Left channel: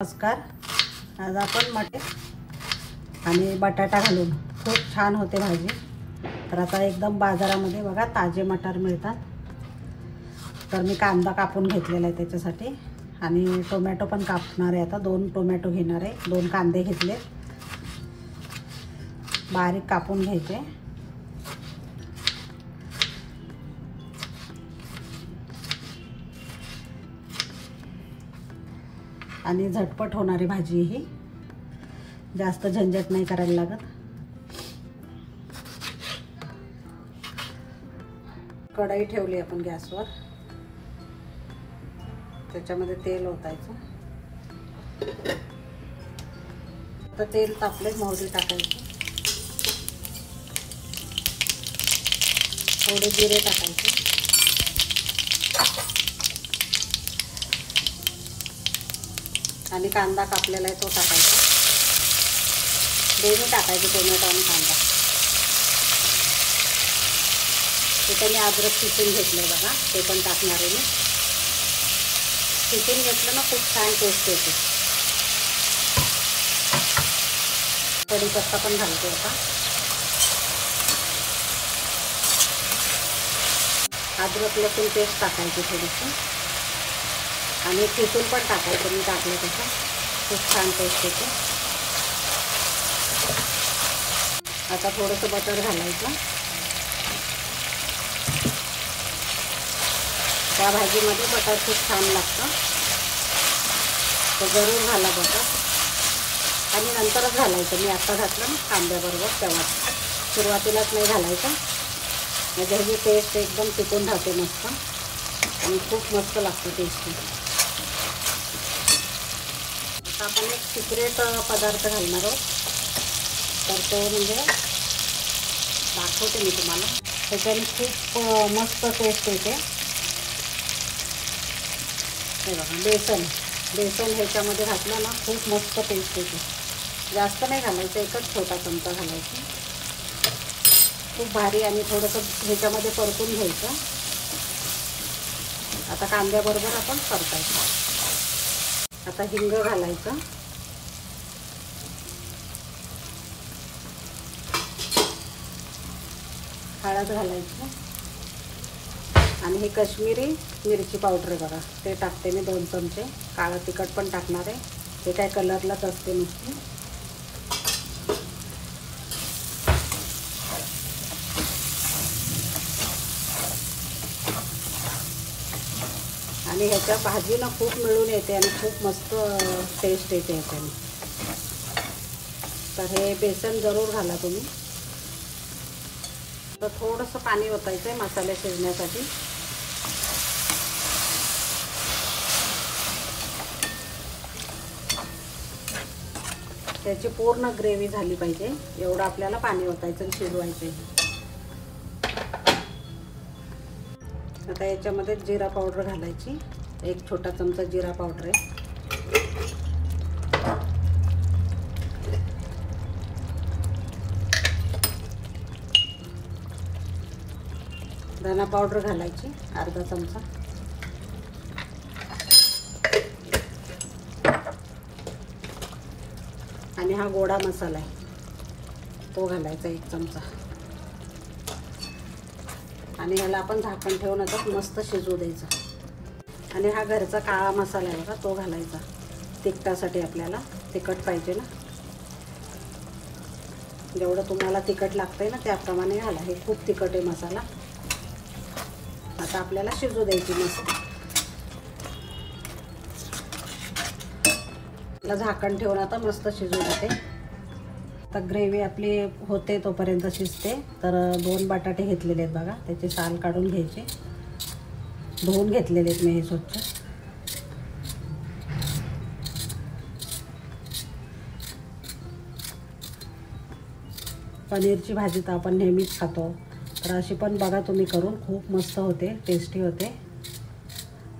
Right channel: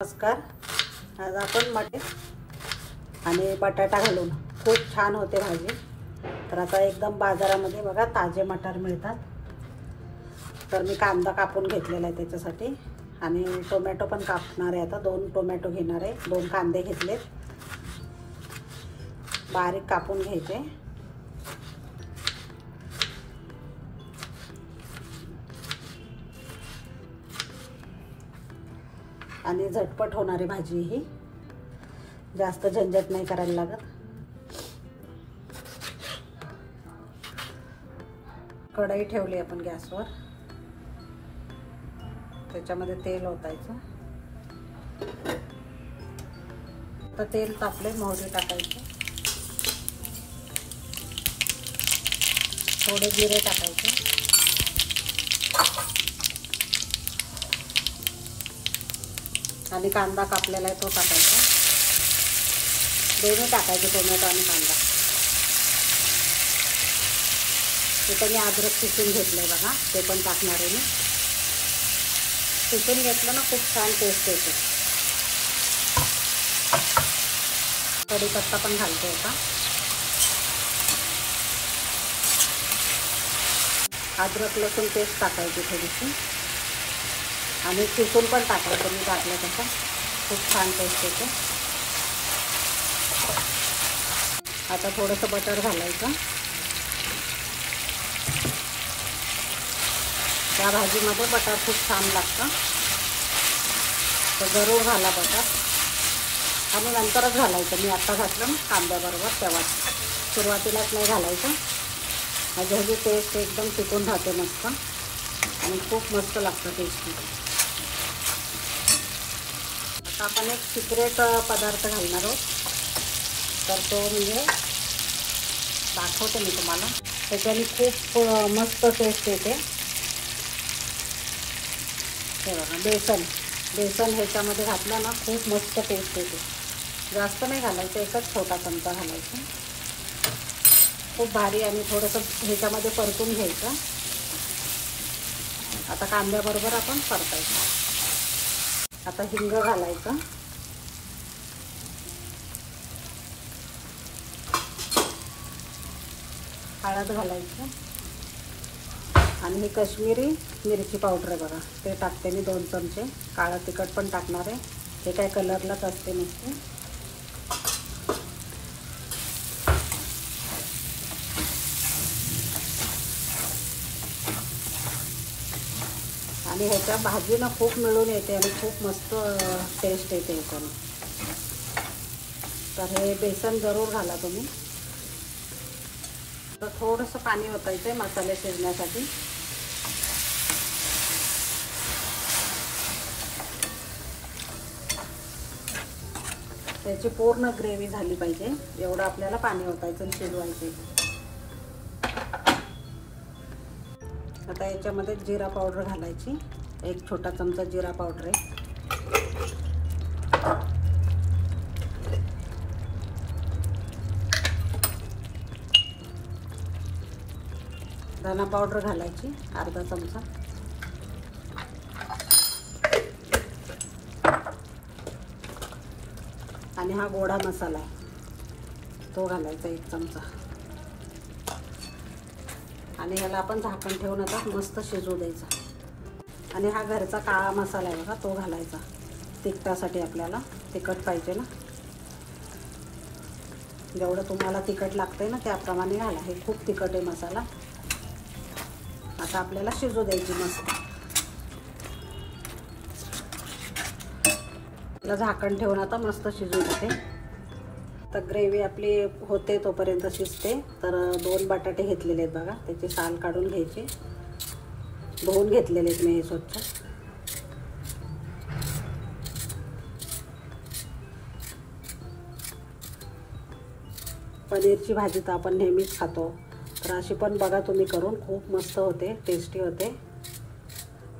नमस्कार. आज आपण मटे आणि बटाटा घालून खूप छान होते भाजी. तर आता एकदम बाजारामध्ये बघा ताजे मटार मिळतात. तर मी कांदा कापून घेतलेला आहे त्याच्यासाठी आणि टोमॅटो पण कापणार आहे. आता 2 टोमॅटो घेणार आहे, 2 कांदे घेतले, बारीक कापून घ्यायचे. आणि झटपट होणारी भाजी ही, जास्त झंझट नाही करायला लागत. कढई ठेवली आपण गॅसवर, त्याच्यामध्ये तेल ओतायचं. आता तेल तापले, मोहरी टाकायची, थोडे जिरे टाकायचे आणि कांदा कापलेला आहे तो टाकायचा. दोन्ही टाकायचे, टोमॅटो आणि कांदा. त्याने अद्रक किसून घेतलं बघा, ते पण टाकणार आहे मी. किसून घेतलं ना खूप छान टेस्ट येते. कढीपत्ता पण घालते का. अद्रक लसूण पेस्ट टाकायची थोडीशी आणि किसून पण टाकायचं. मी टाकलं तसं खूप छान टेस्ट येते. आता थोडंसं बटर घालायचं. त्या भाजीमध्ये बटर खूप छान लागतं, तर जरूर घाला बटर. आणि नंतरच घालायचं. मी आता घातलं ना कांद्याबरोबर, तेव्हा सुरुवातीलाच नाही घालायचं. त्याची टेस्ट एकदम टिकून राहते मस्त आणि खूप मस्त लागतं टेस्ट. आपण एक सिक्रेट पदार्थ घालणार आहोत, तर तो म्हणजे दाखवते मी तुम्हाला. त्याच्याने खूप मस्त टेस्ट येते. बेसन ह्याच्यामध्ये घातलं ना खूप मस्त टेस्ट येते. जास्त नाही घालायचं, एकच छोटा चमचा घालायचा. खूप भारी. आणि थोडंसं ह्याच्यामध्ये परतून घ्यायचं. आता कांद्याबरोबर आपण परतायचं. आता हिंग घालायचं. हळद घालायचं. आणि मी काश्मीरी मिरची पावडर बघा ते टाकते मी 2 चमचे. काळं तिखट पण टाकणार आहे, हे काय कलरलाच असते नुसते. आणि ह्याच्या भाजीनं खूप मिळून येते आणि खूप मस्त टेस्ट येते ह्याच्याने. तर हे बेसन जरूर घाला तुम्ही. तर थोडंसं पाणी ओतायचं आहे मसाले शिजण्यासाठी. त्याची पूर्ण ग्रेव्ही झाली पाहिजे एवढं आपल्याला पाणी ओतायचं आणि शिजवायचे. आता याच्यामध्ये जिरा पावडर घालायची. 1 छोटा चमचा जिरा पावडर आहे. धना पावडर घालायची अर्धा चमचा. आणि हा गोडा मसाला आहे तो घालायचा 1 चमचा. आणि याला आपण झाकण ठेवून आता मस्त शिजू द्यायचा. आणि हा घरचा काळा मसाला आहे का तो घालायचा. तिखटासाठी आपल्याला तिखट पाहिजे ना, जेवढं तुम्हाला तिखट लागतंय ना त्याप्रमाणे घाला. हे खूप तिखट आहे मसाला. आता आपल्याला शिजू द्यायची मस्त. त्याला झाकण ठेवून आता मस्त शिजू देते. तर ग्रेव्ही आपली होते तोपर्यंत शिजते. तर 2 बटाटे घेतलेले आहेत बघा, त्याची साल काढून घ्यायची. धुवून घेतलेले आहेत मी हे स्वच्छ. पनीरची भाजी तर आपण नेहमीच खातो, तर अशी पण बघा तुम्ही करून. खूप मस्त होते, टेस्टी होते.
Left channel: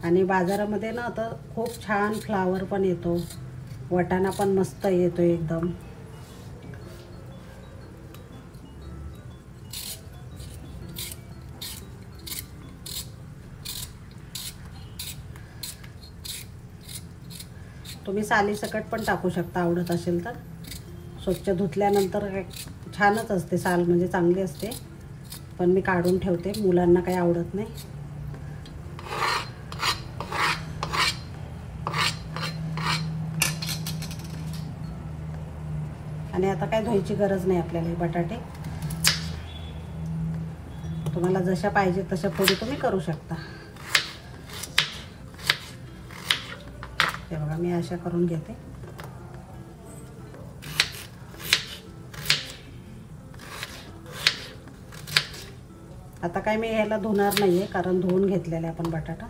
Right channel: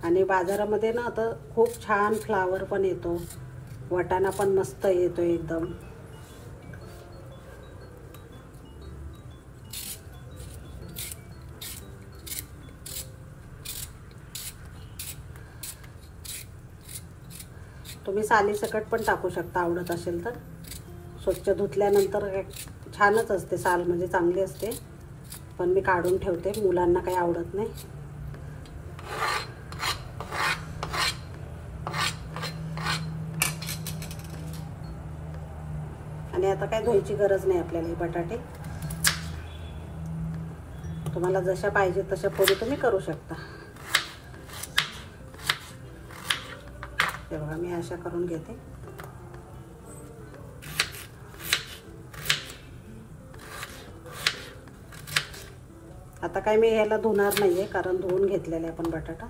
आणि बाजारामध्ये ना आता खूप छान फ्लावर पण येतो, वाटाणा पण मस्त येतो एकदम. तुम्ही तुम्ही सालीसकट पण टाकू शकता आवडत असेल तर. स्वच्छ धुतल्यानंतर छानच असते साल, म्हणजे चांगली असते, पण मी काढून ठेवते, मुलांना काही आवडत नाही. आणि आता काय धुवायची गरज नाही आपल्याला. हे बटाटे तुम्हाला जशा पाहिजे तशा फोडी तुम्ही करू शकता. हे बघा मी अशा करून घेते. आता काय मी ह्याला धुणार नाहीये, कारण धुवून घेतलेला आहे आपण बटाटा.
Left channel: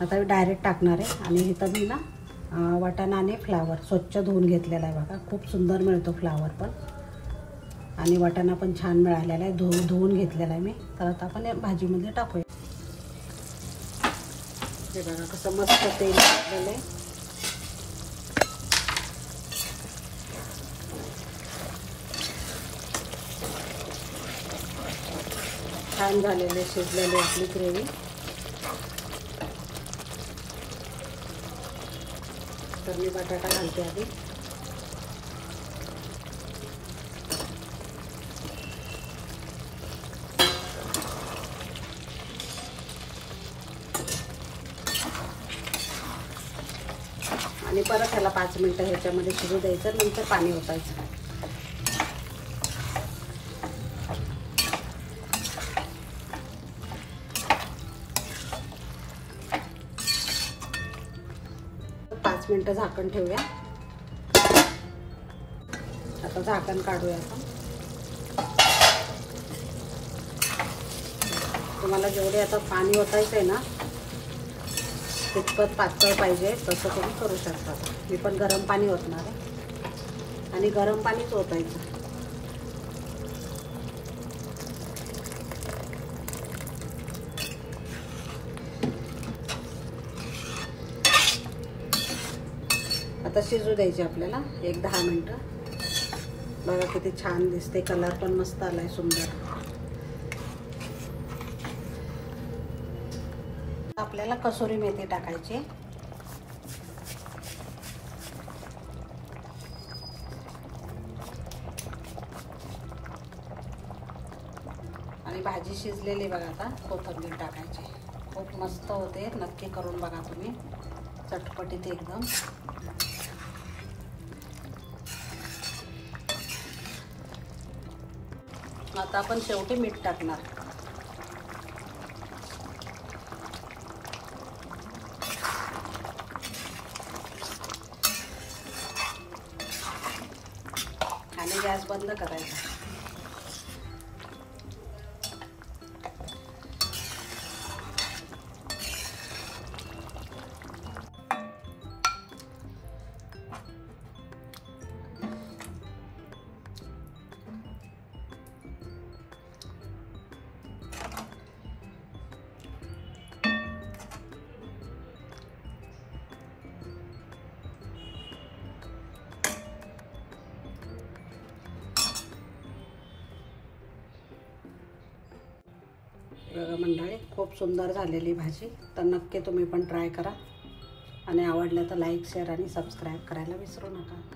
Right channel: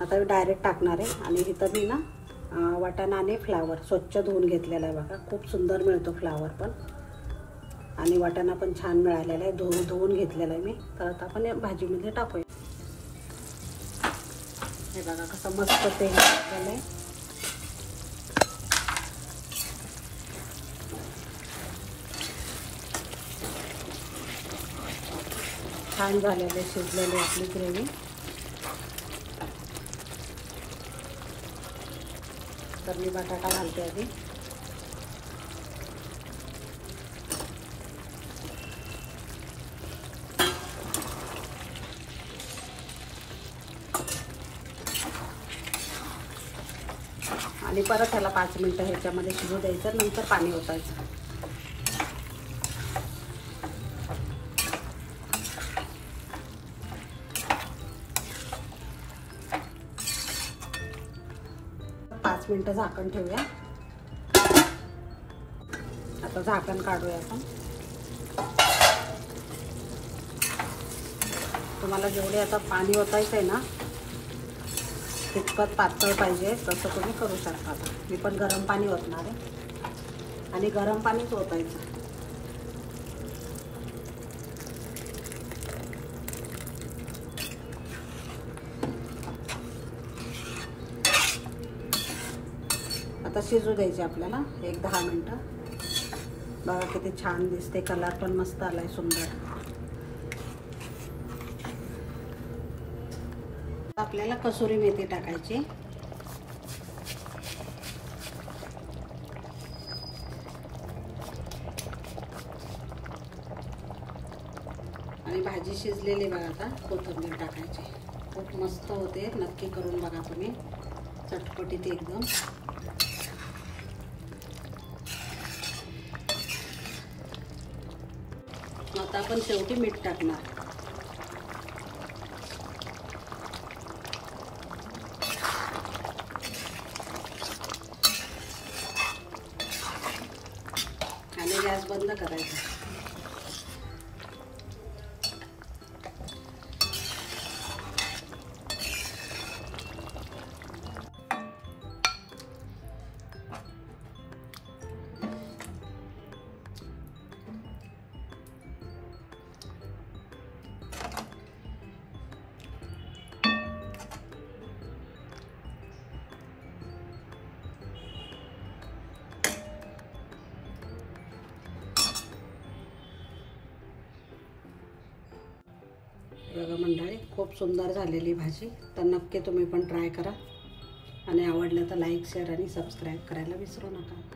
आता मी डायरेक्ट टाकणार आहे. आणि इथं मी ना वाटाणा आणि फ्लावर स्वच्छ धुवून घेतलेला आहे बघा. खूप सुंदर मिळतो फ्लावर पण, आणि वाटाणा पण छान मिळालेला आहे, धुवून घेतलेला आहे मी. तर आता आपण या भाजीमध्ये टाकूया. हे बघा कसं मस्त तेल टाकले. छान झालेले शिजलेली आपली ग्रेव्ही. तर मी बटाटा घालते आधी. आणि परत त्याला 5 मिनिटं ह्याच्यामध्ये शिजू द्यायचं, नंतर पाणी ओतायचं. मिनिटं झाकण ठेवूया. आता झाकण काढूया आपण. तुम्हाला जेवढे आता पाणी ओतायचं आहे ना, तितकं पातळ पाहिजे तसं तुम्ही करू शकता. मी पण गरम पाणी ओतणार आहे, आणि गरम पाणीच ओतायचं. आता शिजू द्यायचे आपल्याला 1-10 मिनिटं. बघा किती छान दिसते, कलर पण मस्त आलाय, सुंदर. आपल्याला कसुरी मेथी टाकायची. आणि भाजी शिजलेली बघा. आता कोथिंबीर टाकायची. खूप मस्त होते, नक्की करून बघा तुम्ही, चटपटीत एकदम. आता आपण शेवटी मीठ टाकणार. आणि गॅस बंद करायचा. बघा मंडळी, खूप सुंदर झालेली भाजी. तर नक्की तुम्ही पण ट्राय करा, आणि आवडलं तर लाईक, शेअर आणि सबस्क्राईब करायला विसरू नका.